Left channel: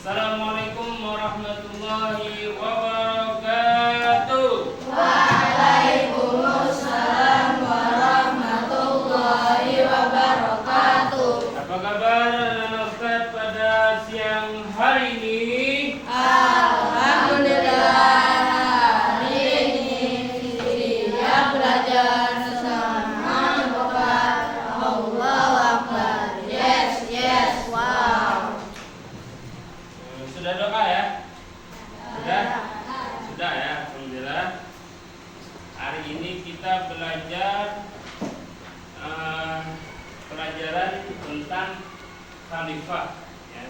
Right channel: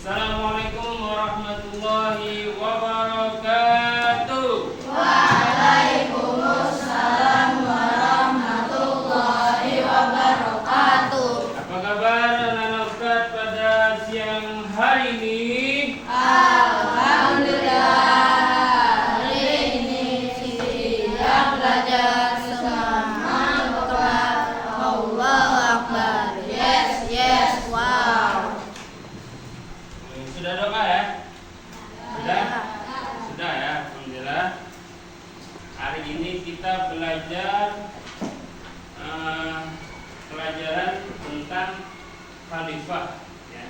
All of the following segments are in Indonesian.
Assalamualaikum warahmatullahi wabarakatuh. Waalaikumsalam warahmatullahi wabarakatuh. Apa kabar anak Ustaz pada siang hari ini? Alhamdulillah, hari ini siang belajar semangat Akbar. Allahu Akbar. Yes, yes, wow. Sudah doa ya? Sudah? Sudah ya, alhamdulillah. Hari ini kita belajar pelajaran tentang khalifah ya.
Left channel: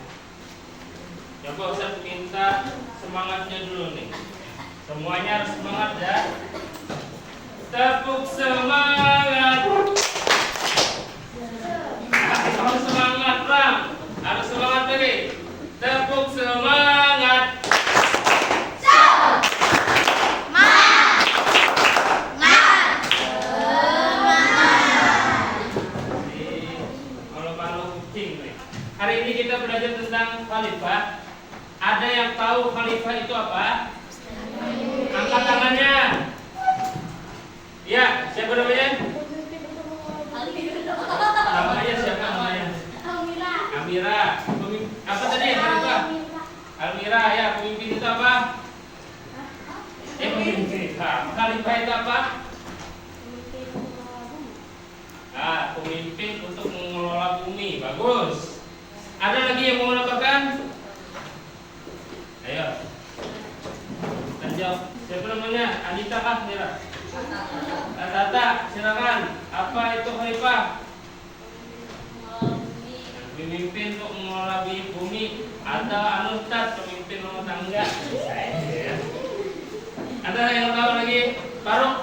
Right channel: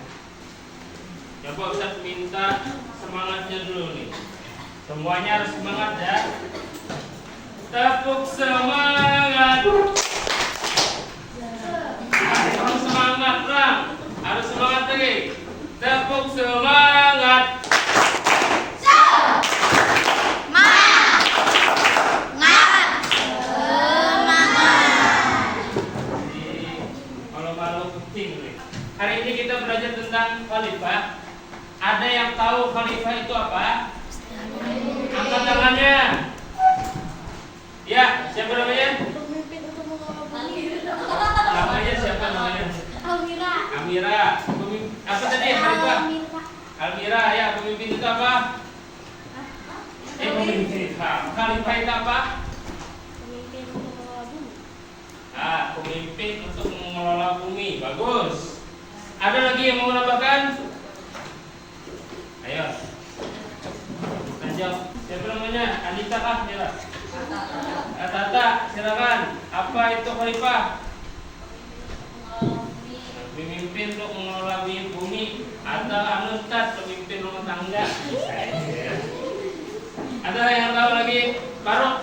Coba Ustaz minta semangatnya dulu nih. Semuanya harus semangat ya. Tepuk semangat. Harus semangat, Bang. Harus semangat lagi. Tepuk semangat. Kalau kucing nih. Hari ini kita belajar tentang khalifah. Ada yang tahu khalifah itu apa? Angkat tangannya. Ya, siapa namanya? Namanya siapa namanya? Amira. Apa tadi khalifah? Almira ya, pemimpin itu apa? Pemimpin. Khalifah itu apa? Nah, pemimpin untuk mengelola bumi. Bagus. Ada lagi yang mau menambahkan? Ayo. Lanjut. Siapa namanya? Anita kah? Tata, silakan. Apa itu khalifah? Pemimpin untuk mengelola bumi atau Ustaz pemimpin rumah tangga. Ada yang tahu lagi? Faruk.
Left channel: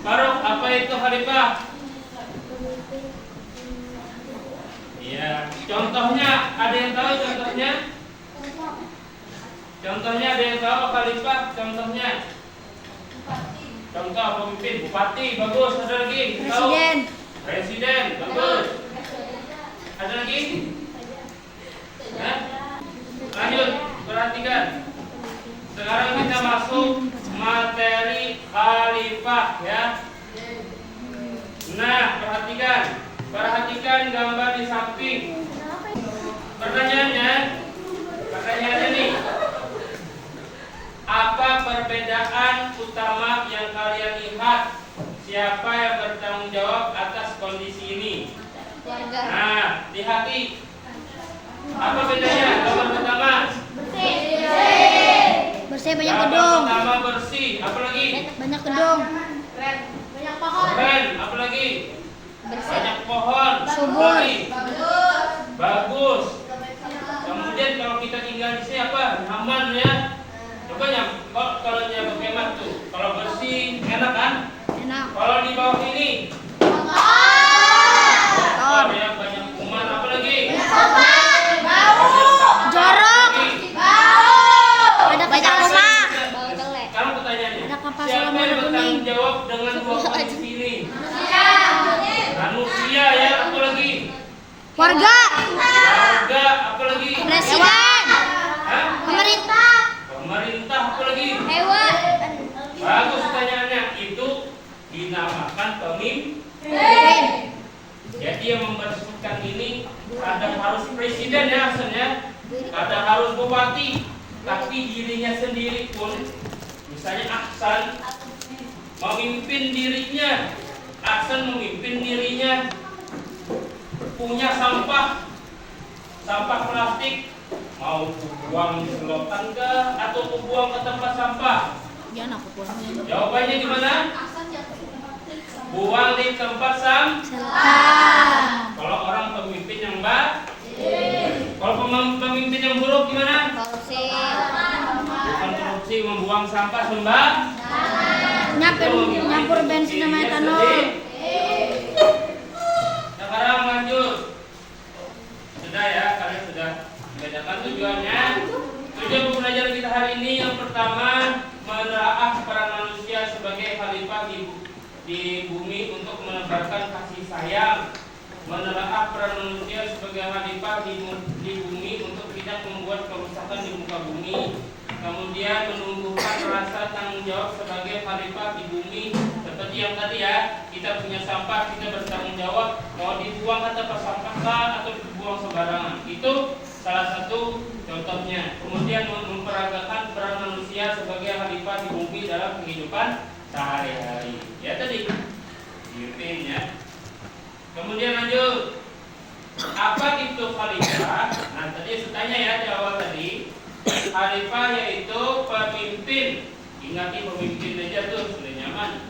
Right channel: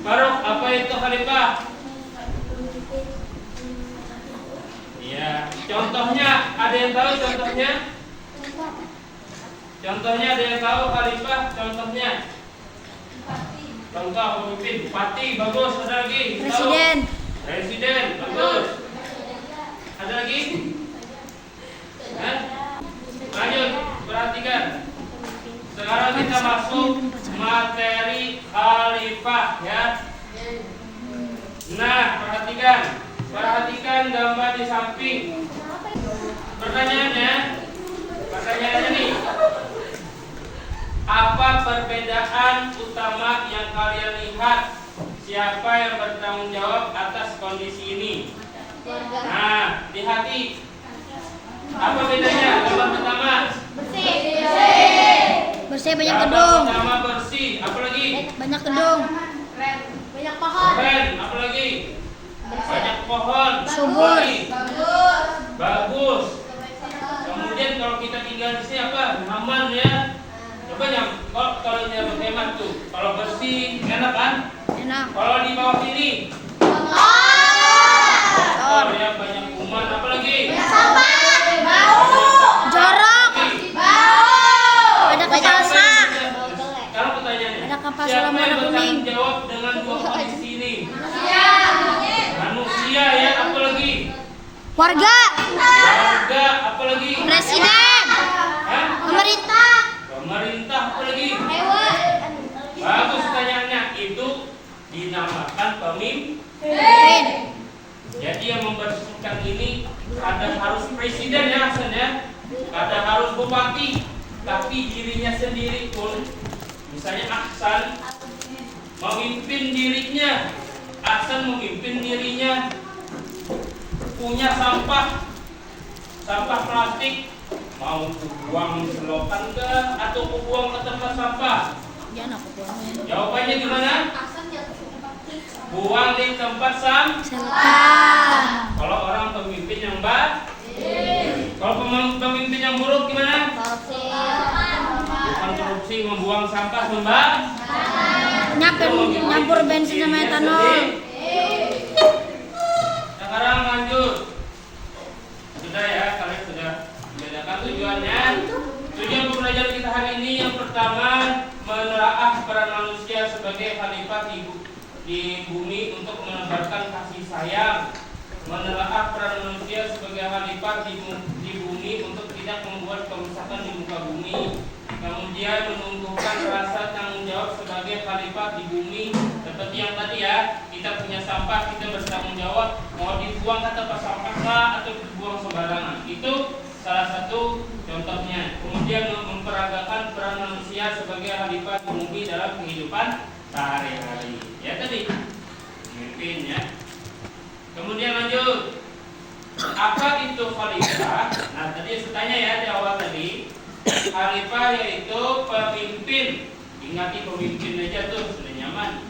Faruk, apa itu khalifah? Iya, contohnya ada yang tahu contohnya? Contohnya ada yang tahu khalifah? Contohnya? Contoh pemimpin, bupati, bagus. Ada lagi? Presiden. Presiden, bagus. Ada lagi? Lanjut, perhatikan. Sekarang kita masuk materi khalifah ya. Nah, perhatikan. Perhatikan gambar di samping. Pertanyaannya nih. Apa perbedaan utama yang kalian lihat? Siapa yang bertanggung jawab atas kondisi ini? Nah, lihat. Apa bedanya? Gambar pertama. Bersih banyak Gambar gedung. pertama bersih. Apa lagi? Banyak gedung. Banyak pohon. Keren. Apa lagi? Banyak pohon. Subur. Apa lagi? Bagus. Kemudian kalau kita tinggal di sini apa? Aman ya. Coba kalau dia berhemat tuh. Kalau bersih enak kan? Enak. Kalau di bawah ini kotor ya, banyak kuman. Apa lagi? Jorok. Ada kapal selam. Sekarang pertanyaannya, Ada kapal siapa selam yang warna bertanggung kuning. jawab dengan dua kondisi ini? Manusia ya, apa lagi? Warga. Warga, apa lagi? Presiden. Hah? Pemerintah. Pemerintah, apa lagi? Bagus pertanyaannya. Itu dinamakan pemimpin. Jadi yang membersihkan ini ada harus presiden ya asalnya, ada harus bupati, tapi dirinya sendiri pun, misalnya Ahsan memimpin dirinya, Ahsan memimpin dirinya, punya sampah plastik, mau buang di selokan ke atau buang ke tempat sampah? Jawabannya gimana? Buang di tempat sampah. Kalau orang pemimpin yang baik, kalau pemimpin yang buruk gimana? Bukan korupsi, membuang sampah Nyampur bensin sama etanol. Sekarang lanjut. Sudah ya, kalian sudah membedakan tujuannya. Tujuan pembelajaran kita hari ini yang pertama, menelaah peran manusia sebagai khalifah di bumi untuk menebarkan kasih sayang, menelaah peran manusia sebagai khalifah di bumi untuk tidak membuat kerusakan di muka bumi. Kemudian menumbuhkan rasa tanggung jawab sebagai khalifah di bumi. Seperti yang tadi ya, kita punya sampah, kita bertanggung jawab mau dibuang ke tempat sampah kah atau dibuang sembarangan. Itu salah satu contohnya. Kemudian memperagakan peran manusia sebagai khalifah di bumi dalam kehidupan sehari-hari. Ya tadi, pemimpin ya. Kemudian lanjut. Apa itu khalifah? Nah tadi saya tanya ya di awal tadi. Khalifah yaitu pemimpin. Ingati pemimpin aja tuh sudah nyaman.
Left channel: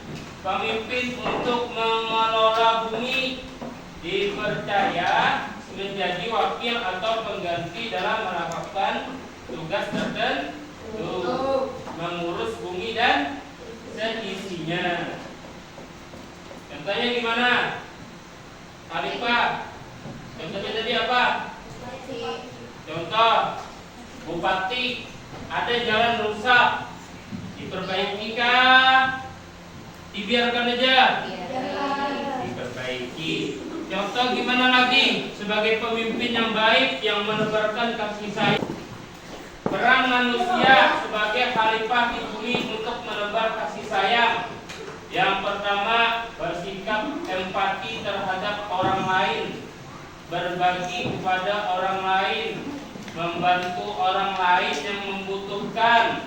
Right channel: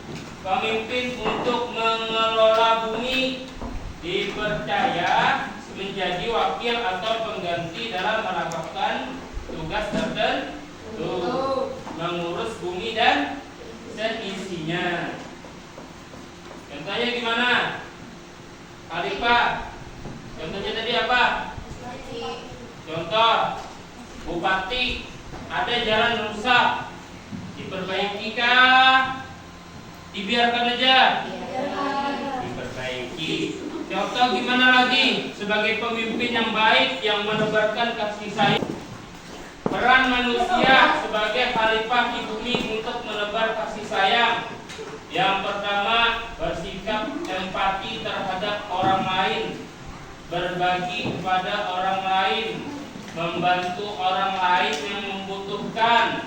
Pemimpin untuk mengelola bumi, dipercaya menjadi wakil atau pengganti dalam melakukan tugas tertentu, mengurus bumi dan seisinya. Contohnya gimana? Khalifah. Contohnya tadi apa? Contoh, bupati, ada jalan rusak, diperbaiki kah? Dibiarkan aja? Diperbaiki. Contoh gimana lagi? Sebagai pemimpin yang baik yang menebarkan kasih sayang. Peran manusia sebagai khalifah di bumi untuk menebar kasih sayang. Yang pertama, bersikap empati terhadap orang lain, berbagi kepada orang lain, membantu orang lain yang membutuhkan,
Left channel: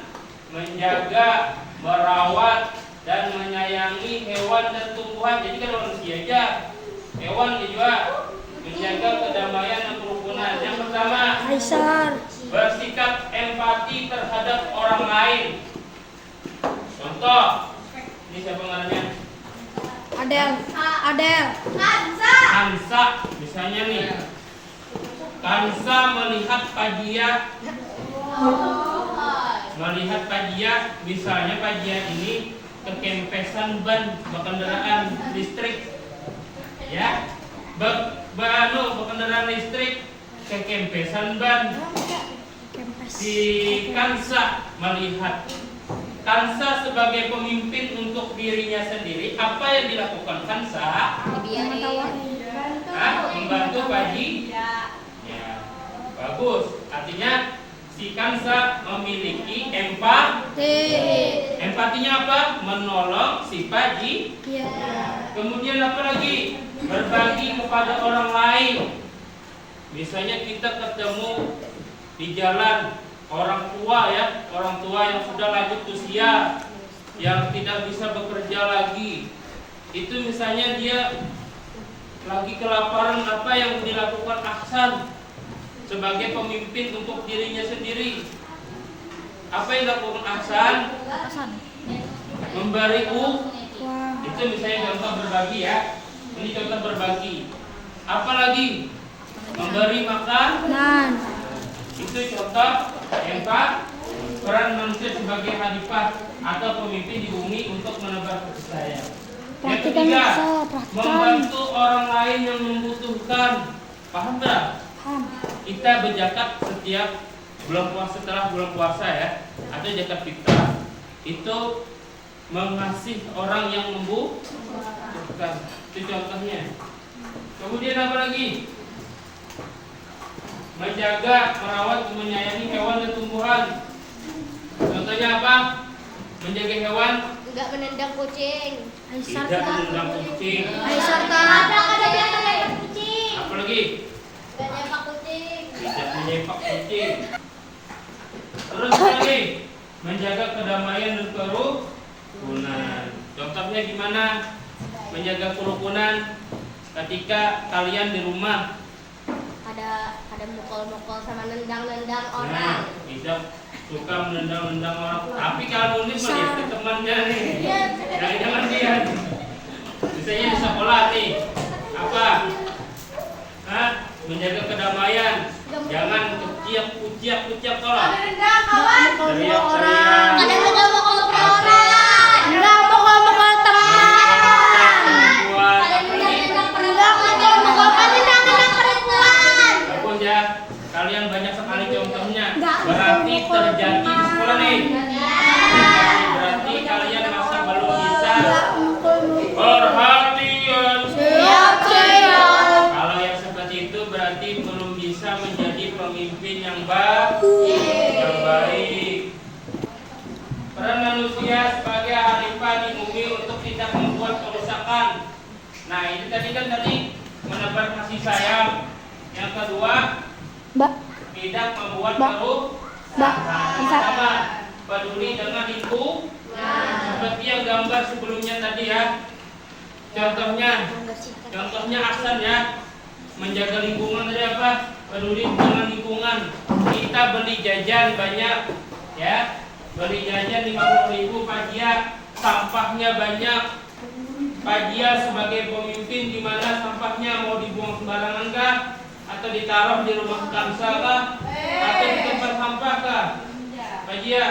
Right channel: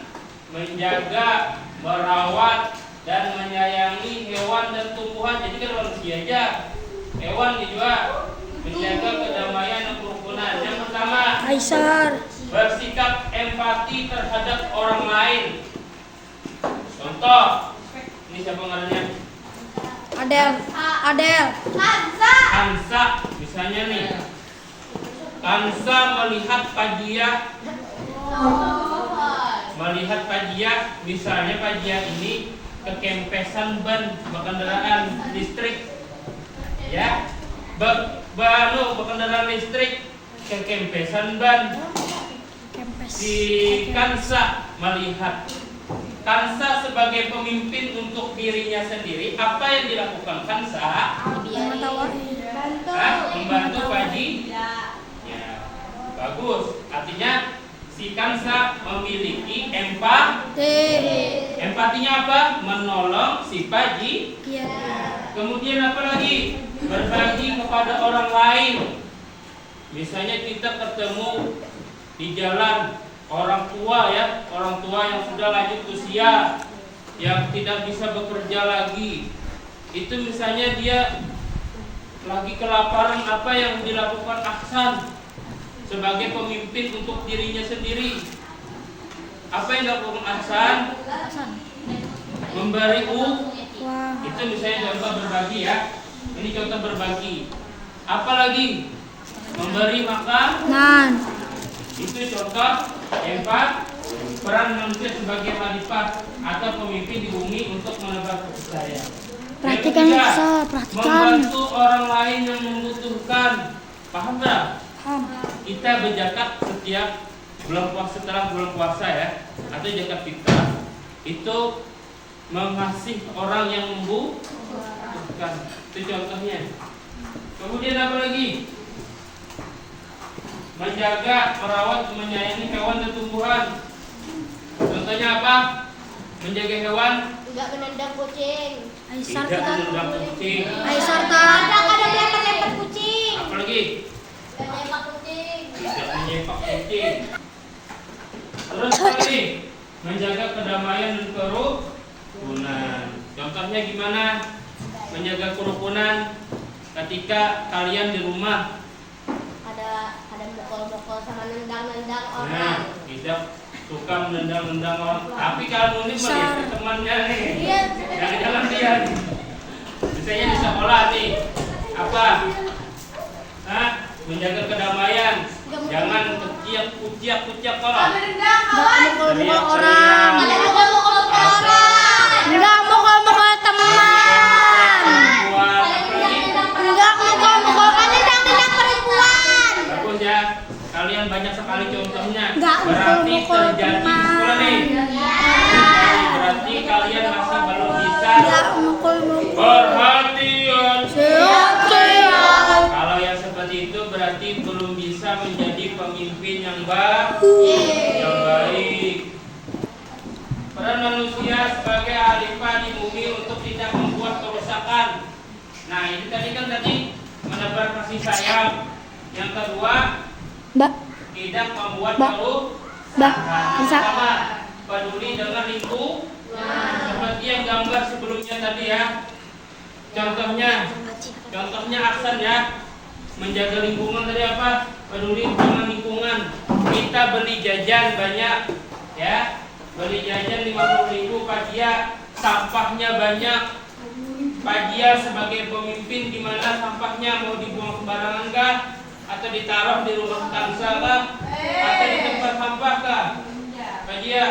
menjaga, merawat, dan menyayangi hewan dan tumbuhan. Jadi kan manusia aja, hewan juga, menjaga kedamaian dan kerukunan. Yang pertama, bersikap empati terhadap orang lain. Contoh, ini siapa ngarannya? Adel. Kansa, misalnya nih. Kansa melihat Pajia, misalnya Pajia ini kekempesan ban kendaraan listrik, ya, kendaraan listrik kekempesan ban. Si Kansa melihat. Kansa sebagai pemimpin untuk dirinya sendiri, apa yang dilakukan Kansa? Membantu Paji. Ya, bagus. Artinya si Kansa memiliki empati. Empatinya apa? Menolong si Paji. Kemudian apa lagi? Berbagi kepada orang lain. Misalnya kita ketemu di jalan orang tua ya, orang tua yang sudah lanjut usia, yang tidak bisa bekerja lagi. Itu misalnya dia lagi kelaparan, apa yang dilakukan Ahsan sebagai pemimpin untuk dirinya sendiri? Apa yang dilakukan Ahsan? Memberi itu misalnya contoh berbagi ya. Ini contoh berbagi. Apalagi memberi makan. Itu contoh empat, peran manusia sebagai khalifah atau pemimpin di bumi untuk menebar kasih sayang. Yang ketiga, membantu orang lain yang membutuhkan. Paham tak? Kita berzakat setiap bulan puasa, setelah bulan puasa ya, atau zakat fitrah itu mengasihi orang yang membutuhkan. Itu contohnya. Kemudian apa lagi? Menjaga, merawat, menyayangi hewan dan tumbuhan. Contohnya apa? Menjaga hewan? Enggak menendang kucing. Tidak menendang kucing. Ada kucing. Apa lagi? Enggak nyepak kucing. Tidak menyepak kucing. Terus apa lagi? Menjaga kedamaian dan kerukunan. Contohnya gimana? Menjaga kerukunan ketika kalian di rumah. Mukul-mukul sama nendang-nendang Nah, orang. tidak suka menendang-nendang orang. Tapi kalau ini melihat ke temannya nih, jangan dia. Misalnya di sekolah nih, apa? Menjaga kedamaian. Jangan kuciak kalau. Nendang kawan. Teriak-teriak. Ada mukul-mukul orang. Enggak mukul-mukul teman. Perempuan, apa lagi? Bagus ya. Kalian banyak sekali contohnya. Berarti terjadi di sekolah nih. Berarti kalian masih belum bisa perhatian. Kalau yang seperti itu berarti belum bisa menjadi pemimpin yang baik. peran manusia sebagai khalifah di bumi untuk tidak membuat kerusakan. Nah, ini tadi menebar kasih sayang. Yang kedua, Mbak. tidak membuat Mbak. kerusakan. Bisa. Pertama, peduli dengan lingkungan. Seperti yang gambar sebelumnya tadi ya. Contohnya Aksan ya. Menjaga lingkungan dari apa? Peduli dengan lingkungan. Kita beli jajan banyak ya. Beli jajan 50.000 Pak Jia, sampahnya banyak. Pak Jia sebagai pemimpin di mana sampahnya mau dibuang sembarangan kah? Atau ditaruh di rumah kansa kah? Atau di tempat sampah kah? Pak Jia?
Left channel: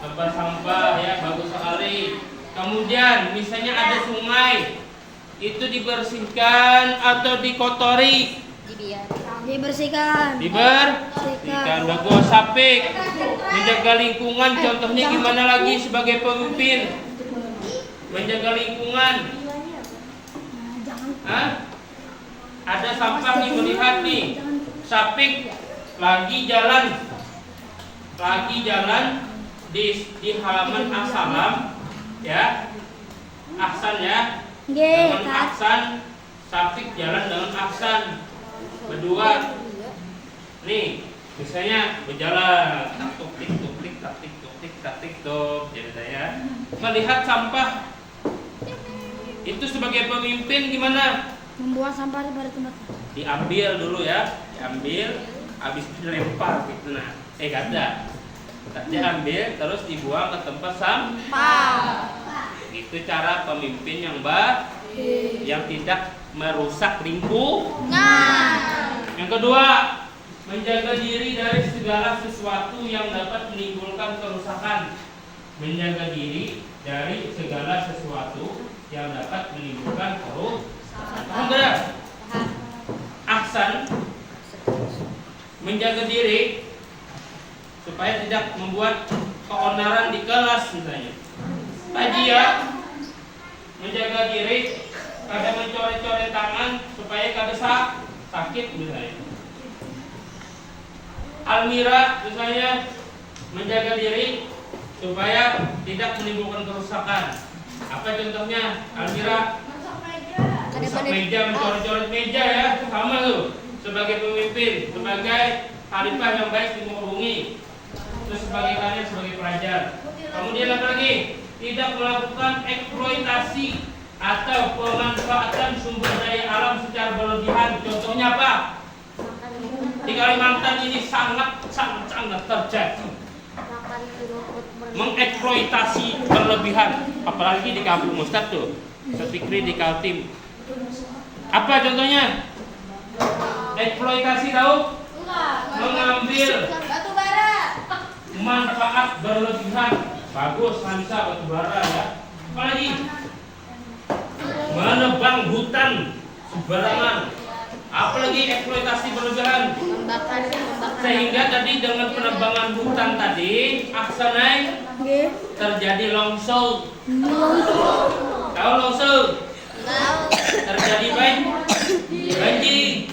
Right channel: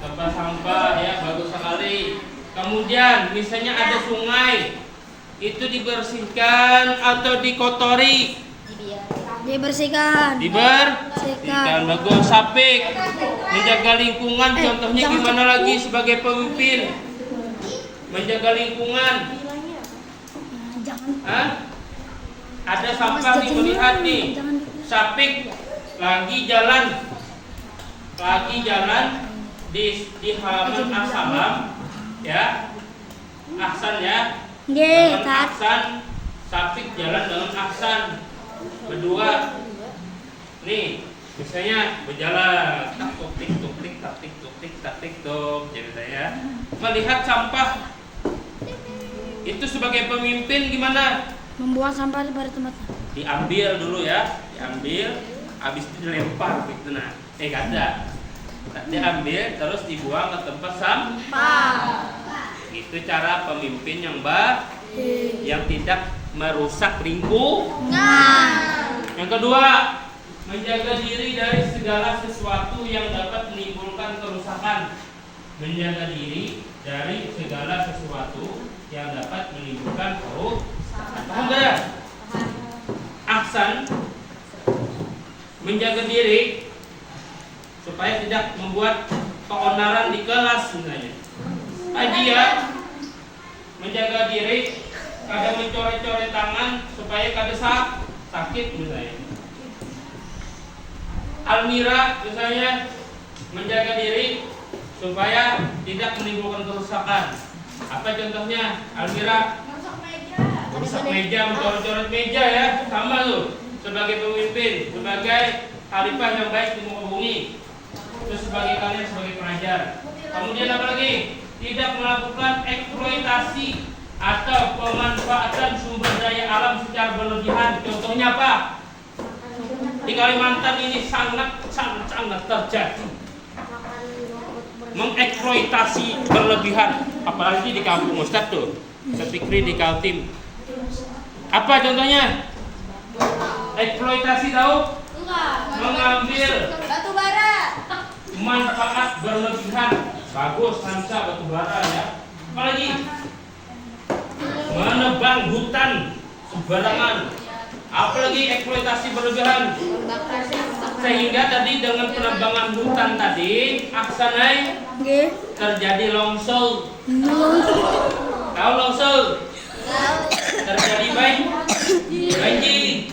Tempat sampah ya, bagus sekali. Kemudian misalnya ada sungai, itu dibersihkan atau dikotori? Dibersihkan. Dibersihkan. Bagus. Sapik menjaga lingkungan, contohnya gimana lagi sebagai pemimpin? Menjaga lingkungan. Hah? Ada sampah nih, melihat nih. Sapik lagi jalan di halaman Assalam ya. Aksan ya. Dengan Aksan, Sapik jalan dengan Aksan berdua. Nih, misalnya berjalan, tak tik jadi saya melihat sampah. Itu sebagai pemimpin gimana? Membuang sampah pada tempatnya. Diambil dulu ya, habis itu dilempar gitu nah. Gak ada. Diambil terus dibuang ke tempat sampah. Itu cara pemimpin yang baik, yang tidak merusak lingkungan. Yang kedua, menjaga diri dari segala sesuatu yang dapat menimbulkan kerusakan. Menjaga diri dari segala sesuatu yang dapat menimbulkan kerusakan. Paham gak? Aksan menjaga diri supaya tidak membuat keonaran di kelas misalnya. Pak Jia menjaga diri kada mencoret-coret tangan supaya kada sakit misalnya. Almira misalnya menjaga diri supaya tidak menimbulkan kerusakan. Apa contohnya? Almira rusak meja, mencoret-coret meja ya, sama tuh. Sebagai pemimpin, sebagai khalifah yang baik di muka bumi. Terus sebagai kalian sebagai pelajar. Kemudian apa lagi? Tidak melakukan eksploitasi atau pemanfaatan sumber daya alam secara berlebihan. Contohnya apa? Di Kalimantan ini sangat terjadi mengeksploitasi berlebihan, apalagi di kampung Ustadz tuh, Fikri di Kaltim. Apa contohnya? Eksploitasi tahu? Mengambil Batu bara. manfaat berlebihan. Bagus, Hansa batu bara ya. Apalagi? Menebang hutan sembarangan. Apalagi eksploitasi berlebihan. Sehingga tadi dengan penebangan hutan tadi, aksanai terjadi longsor. Tahu longsor? Terjadi banjir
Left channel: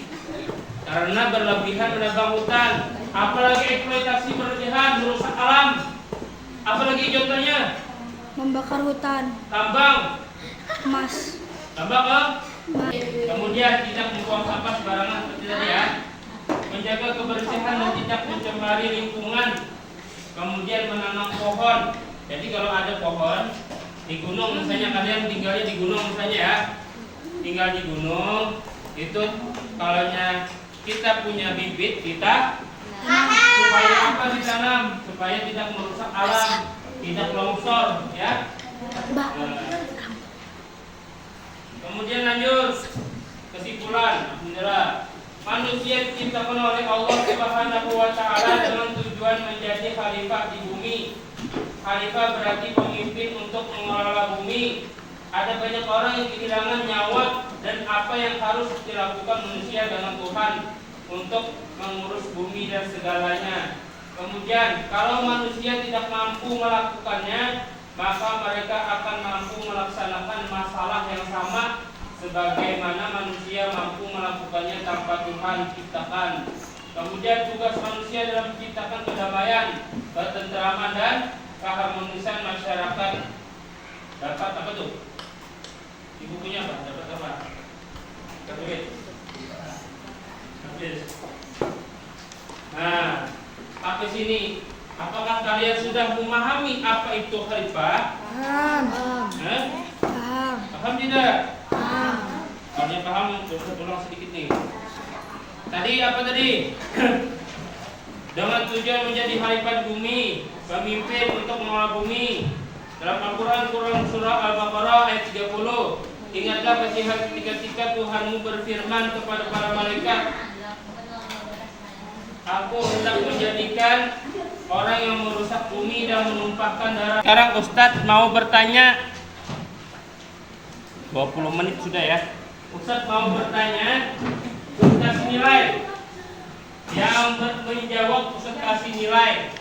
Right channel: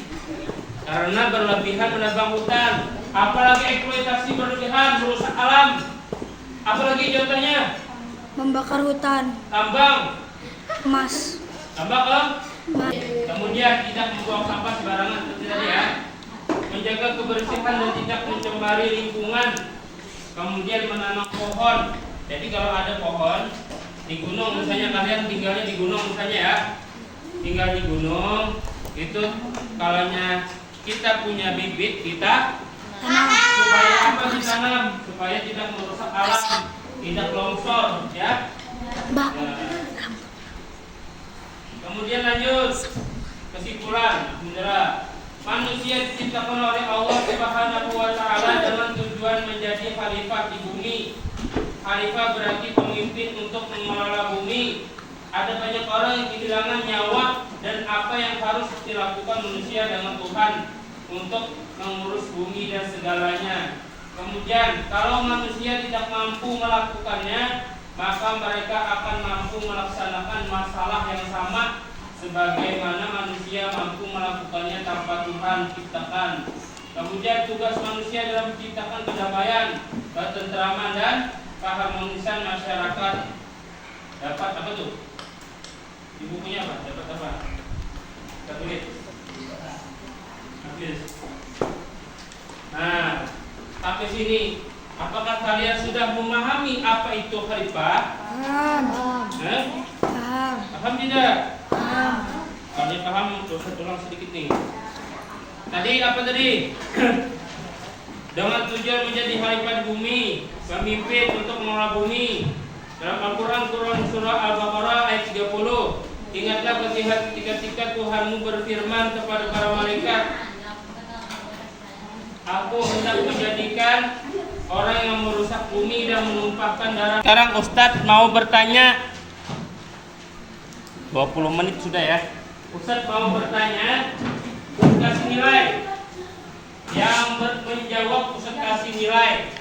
karena berlebihan menebang hutan. Apalagi eksploitasi berlebihan merusak alam. Apalagi contohnya? Membakar hutan. Tambang Emas. Tambang kemudian tidak membuang sampah sembarangan seperti tadi ya. Menjaga kebersihan dan tidak mencemari lingkungan. Kemudian menanam pohon. Jadi kalau ada pohon di gunung, misalnya kalian tinggalnya di gunung misalnya ya, tinggal di gunung itu, kalaunya kita punya bibit kita supaya apa ditanam? Supaya tidak merusak alam, tidak longsor ya. Kemudian lanjut kesimpulan. Alhamdulillah, manusia diciptakan oleh Allah Subhanahu wa taala dengan tujuan menjadi khalifah di bumi. Khalifah berarti pemimpin untuk mengelola bumi. Ada banyak orang yang kehilangan nyawa dan apa yang harus dilakukan manusia dengan Tuhan untuk mengurus bumi dan segalanya. Kemudian kalau manusia tidak mampu melakukannya, maka mereka akan mampu melaksanakan masalah yang sama sebagaimana manusia mampu melakukannya tanpa Tuhan ciptakan. Kemudian tugas manusia dalam menciptakan kedamaian, ketentraman dan keharmonisan masyarakat. Dapat apa tuh? Di bukunya apa? Dapat apa? Tertulis. Habis. Nah, sampai sini. Apakah kalian sudah memahami apa itu khalifah? Paham. Paham. Paham tidak? Paham. Kalau dia paham, Ustaz ulang sedikit nih. Tadi apa tadi? Dengan tujuan menjadi khalifah di bumi, pemimpin untuk mengelola bumi. Dalam Al-Quran, surah Al-Baqarah ayat 30. Ingatlah ketika Tuhanmu berfirman kepada para malaikat, Aku hendak menjadikan orang yang merusak bumi dan menumpahkan darah. Sekarang Ustadz mau bertanya. 20 menit sudah ya. Ustadz mau bertanya, kasih nilai. Yang menjawab Ustadz kasih nilai.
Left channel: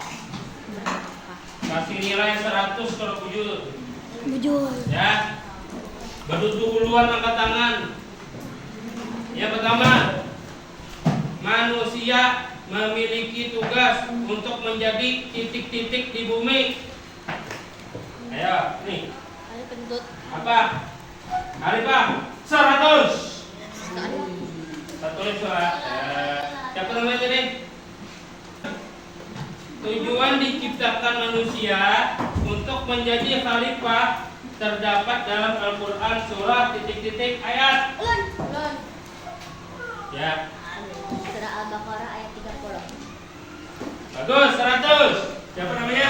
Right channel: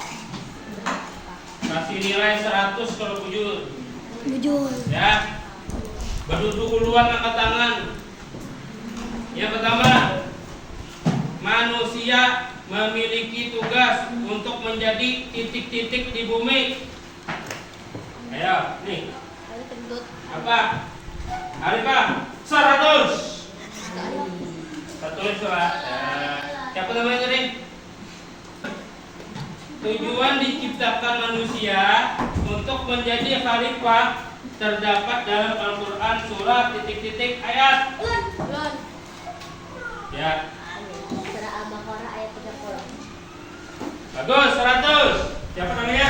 Kasih nilai 100 kalau bujur. Bujur. Ya. Berduduk duluan, angkat tangan. Yang pertama, manusia memiliki tugas untuk menjadi titik-titik di bumi. Ayo, nih. Ada kentut. Apa? Khalifah 100. 100 surat. Siapa namanya tadi? Tujuan diciptakan manusia untuk menjadi khalifah terdapat dalam Al-Quran surah titik-titik ayat. Ya. Surah Al-Baqarah ayat 30. Bagus, 100. Siapa namanya?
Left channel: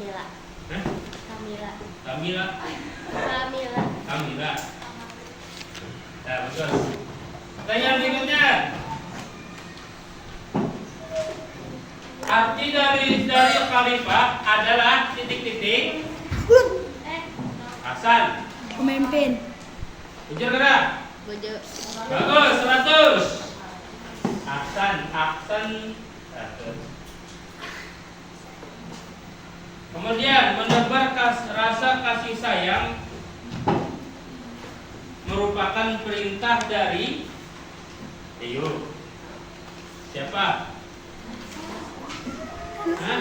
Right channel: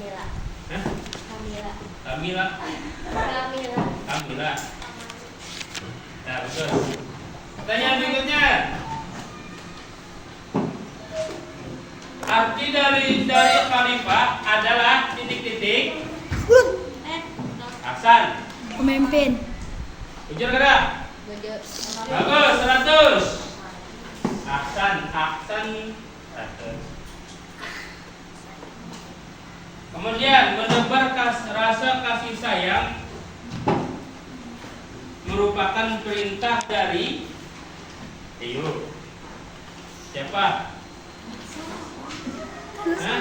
Mira. Hah? Kamila. Kamila. Kamila. Kamila. Nah, bagus. Pertanyaan berikutnya. Arti dari khalifah adalah titik-titik. Aksan. Pemimpin. Ujar gerak. Bojo. Bagus, 100. Aksan 100. Kemudian menebar rasa kasih sayang merupakan perintah dari Ayo. Siapa? Hah?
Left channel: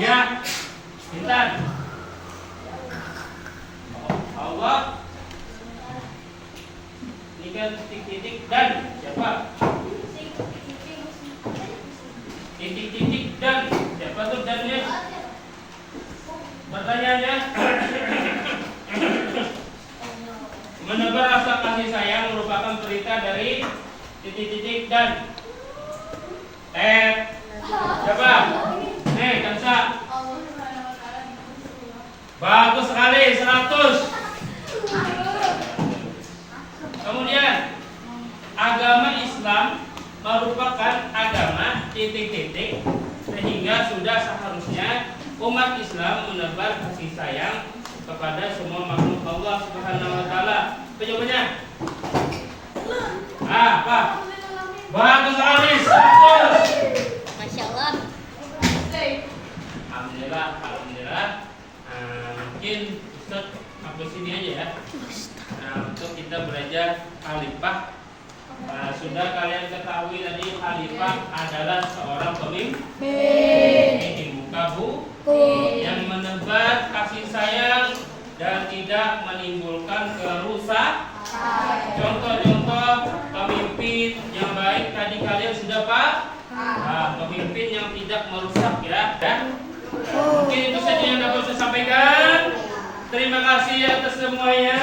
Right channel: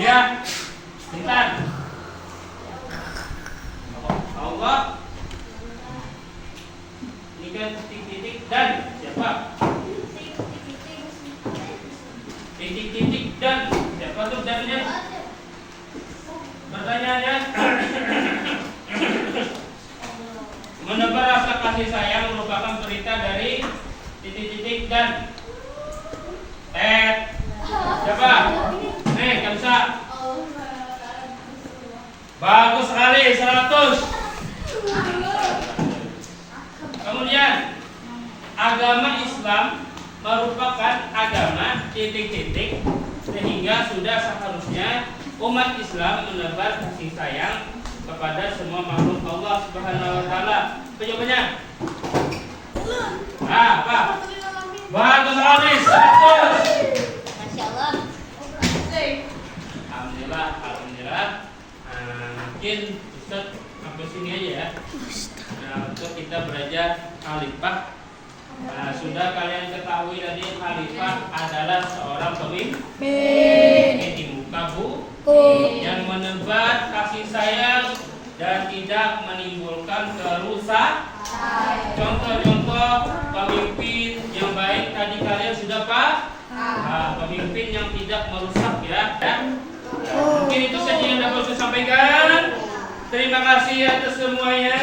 Ya. Intan. Allah. Ini kan titik-titik dan siapa? Titik-titik dan siapa tuh dannya? Pertanyaannya, menebar rasa kasih sayang merupakan perintah dari titik-titik dan siapa? Nih, Kansa. Bagus sekali, 100. Kemudian agama Islam merupakan agama titik-titik, sehingga sudah seharusnya umat Islam menebar kasih sayang kepada semua makhluk Allah Subhanahu wa taala. Jawabannya? Apa? Bagus sekali, 100. Masya Allah. Alhamdulillah. Mungkin Ustaz sampai sini aja ya. Untuk kita belajar khalifah. Sudah kalian ketahui tadi khalifah adalah seorang pemimpin di muka bumi yang menebar kasih sayang dan tidak menimbulkan kerusakan. Contoh-contoh pemimpin yang baik tadi kalian sudah pemimpin yang tidak merusak ya. Mungkin itu saja yang dapat saya sampaikan. Terima kasih atas semuanya.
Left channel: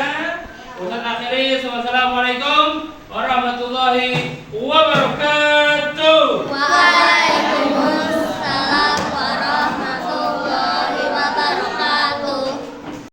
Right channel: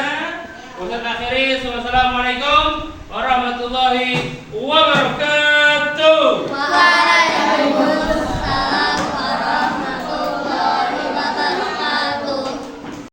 Ustaz akhiri, wassalamualaikum warahmatullahi wabarakatuh.